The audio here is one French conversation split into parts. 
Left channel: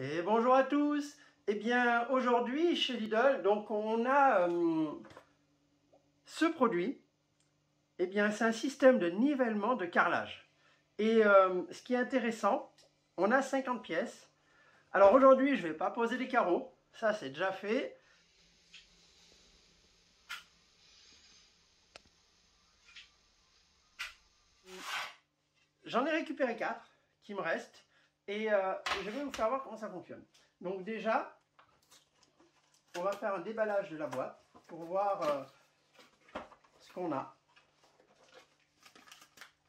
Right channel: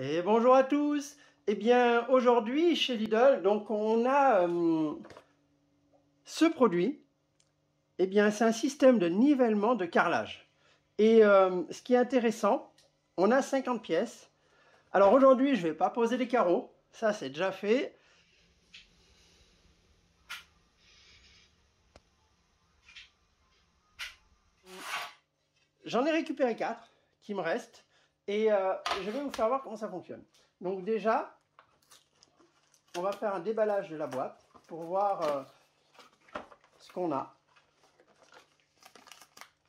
Et bonjour à tous. Eh bien aujourd'hui chez Lidl, donc on a ce produit. Eh bien c'est un système de nivellement de carrelage. Et ce qui est intéressant, on a 50 pièces. Alors aujourd'hui je ne vais pas poser les carreaux, ça c'est déjà fait. J'en ai récupéré 4 qui me restent et je vais vous faire voir comment ça fonctionne. Donc déjà, on va faire un déballage de la boîte pour voir ce qu'on a.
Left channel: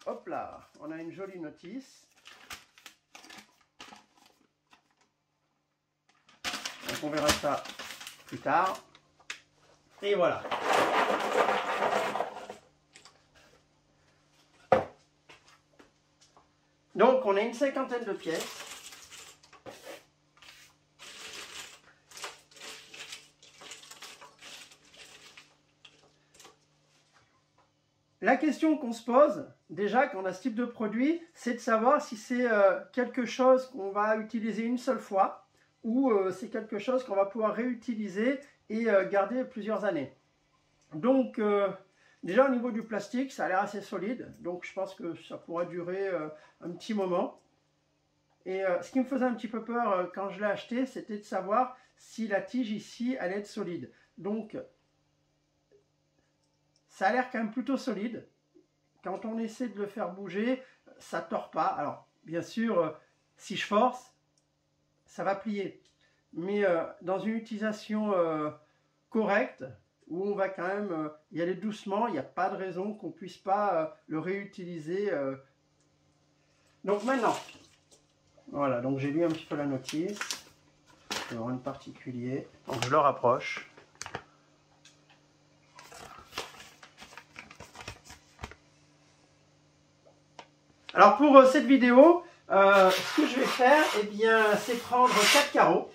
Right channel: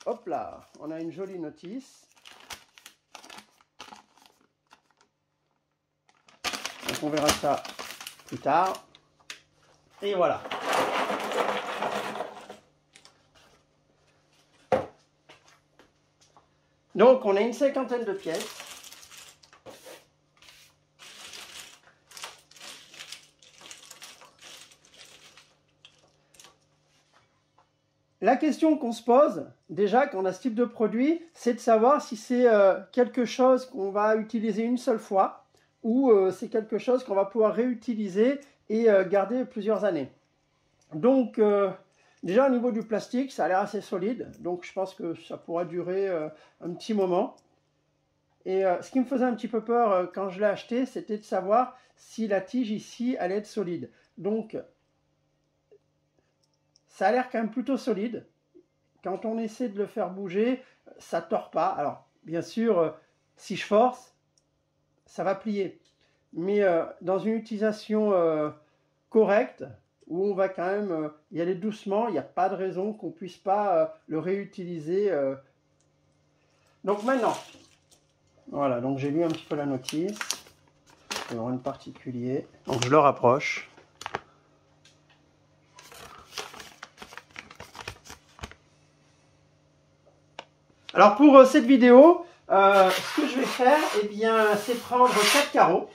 Hop là, on a une jolie notice. Donc on verra ça plus tard. Et voilà. Donc on a une cinquantaine de pièces. La question qu'on se pose, déjà quand on a ce type de produit, c'est de savoir si c'est quelque chose qu'on va utiliser une seule fois ou c'est quelque chose qu'on va pouvoir réutiliser et garder plusieurs années. Donc déjà au niveau du plastique, ça a l'air assez solide, donc je pense que ça pourra durer un petit moment. Et ce qui me faisait un petit peu peur quand je l'ai acheté, c'était de savoir si la tige ici allait être solide. Donc ça a l'air quand même plutôt solide. Quand on essaie de le faire bouger, ça ne tord pas. Alors, bien sûr, si je force, ça va plier. Mais dans une utilisation correcte, où on va quand même y aller doucement, il n'y a pas de raison qu'on ne puisse pas le réutiliser. Donc maintenant, voilà, donc j'ai lu un petit peu la notice. Il y aura un particulier. Donc je le rapproche. Alors pour cette vidéo, ce que je vais faire, eh bien, c'est prendre 4 carreaux.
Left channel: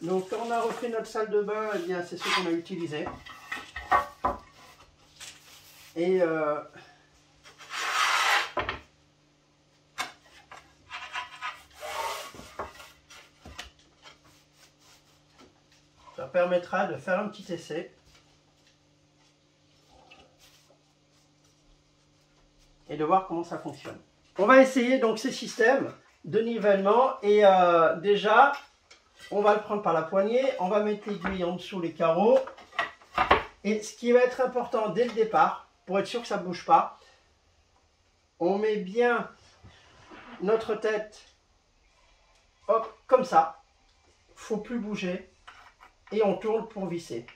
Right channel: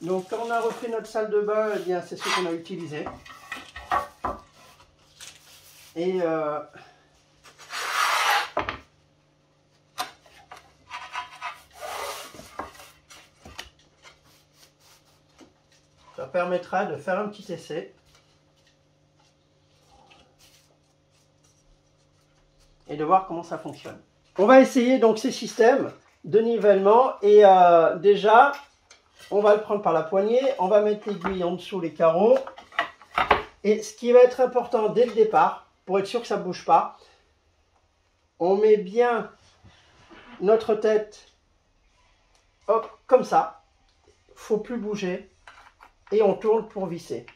Donc quand on a refait notre salle de bain, eh bien, c'est ce qu'on a utilisé. Et ça permettra de faire un petit essai. Et de voir comment ça fonctionne. On va essayer donc ces systèmes de nivellement et déjà on va le prendre par la poignée, on va mettre l'aiguille en dessous les carreaux et ce qui va être important dès le départ pour être sûr que ça ne bouge pas, on met bien notre tête hop, comme ça, il ne faut plus bouger et on tourne pour visser.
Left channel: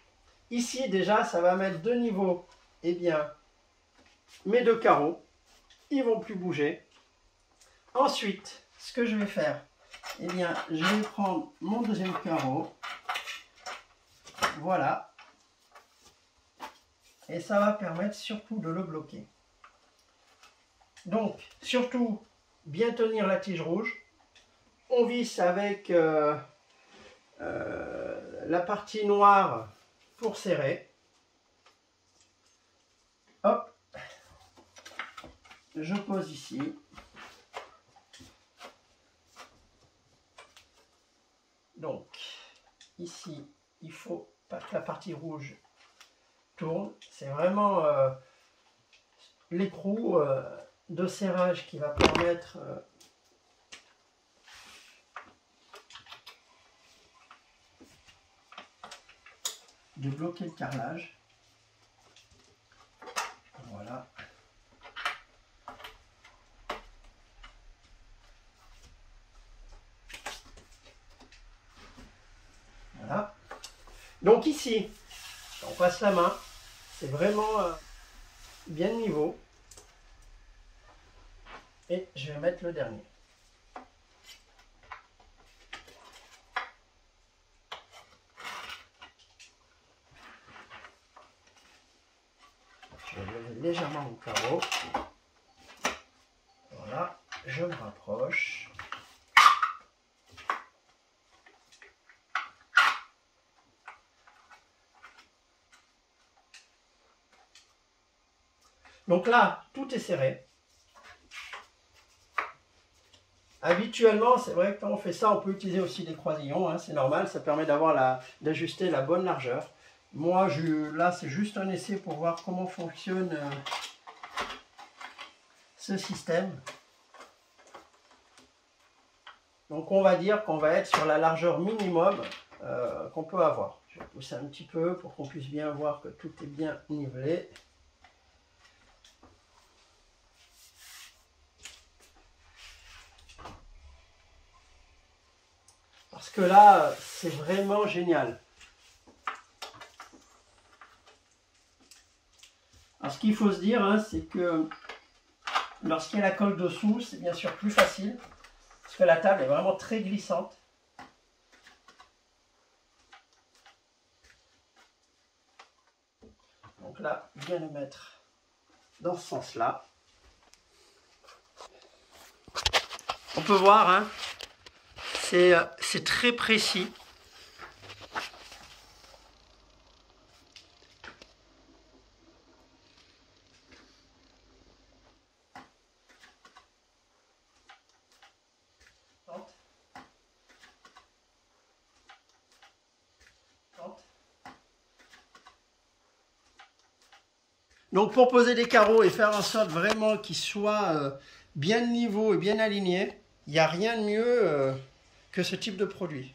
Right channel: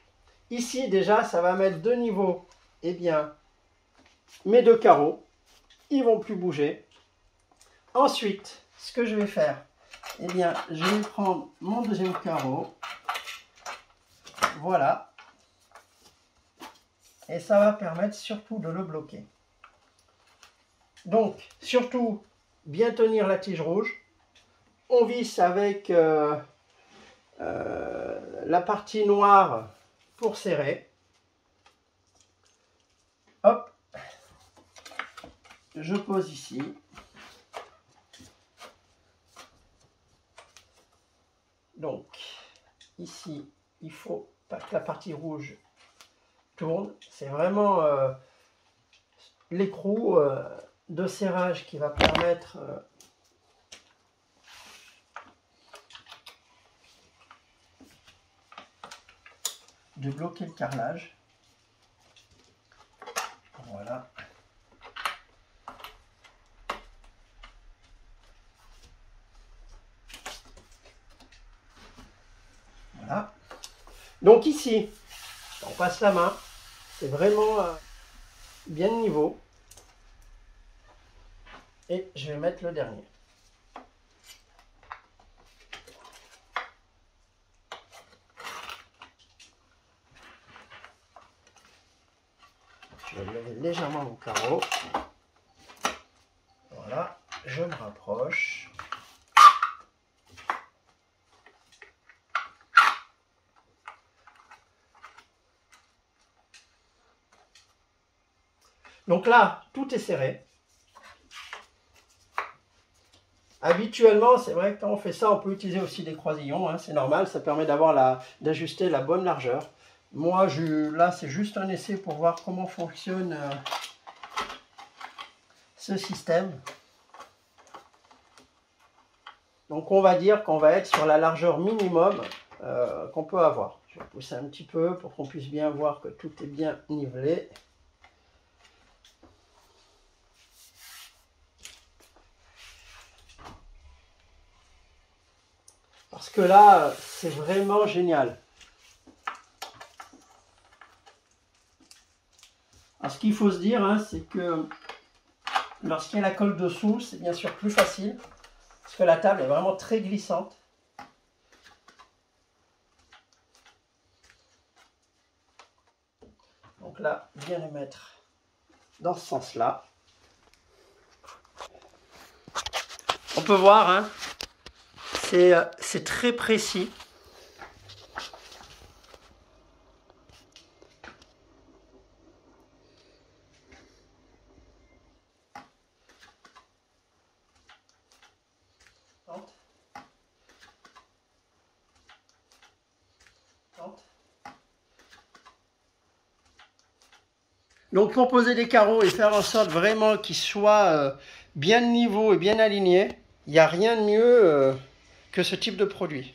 Ici déjà ça va mettre de niveau, eh bien mes 2 carreaux, ils vont plus bouger. Ensuite, ce que je vais faire, eh bien, je vais prendre mon deuxième carreau, voilà, et ça va permettre surtout de le bloquer. Donc, surtout, bien tenir la tige rouge. On visse avec la partie noire pour serrer. Hop, je pose ici. Donc, ici, il ne faut pas que la partie rouge tourne. C'est vraiment l'écrou de serrage qui va permettre de bloquer le carrelage. Voilà. Voilà. Donc ici, on passe la main, c'est vraiment bien de niveau. Et je vais mettre le dernier. Je vais lever légèrement mon carreau. Voilà, je me rapproche. Donc là, tout est serré. Habituellement, c'est vrai que quand on fait ça, on peut utiliser aussi des croisillons, hein, c'est normal, ça permet d'ajuster la bonne largeur. Moi, là, c'est juste un essai pour voir comment fonctionne ce système. Donc, on va dire qu'on va être sur la largeur minimum qu'on peut avoir. Je vais pousser un petit peu pour qu'on puisse bien voir que tout est bien nivelé. Parce que là, c'est vraiment génial. Alors, ce qu'il faut se dire, hein, c'est que lorsqu'il y a la colle dessous, c'est bien sûr plus facile. Parce que la table est vraiment très glissante. Donc là, bien le mettre dans ce sens-là. On peut voir, hein, c'est très précis. Donc pour poser des carreaux et faire en sorte vraiment qu'ils soient bien de niveau et bien alignés, il n'y a rien de mieux que ce type de produit.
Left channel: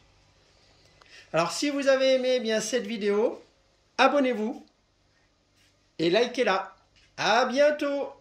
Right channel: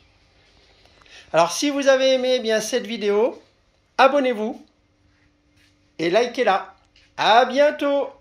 Alors si vous avez aimé bien cette vidéo, abonnez-vous et likez-la. À bientôt!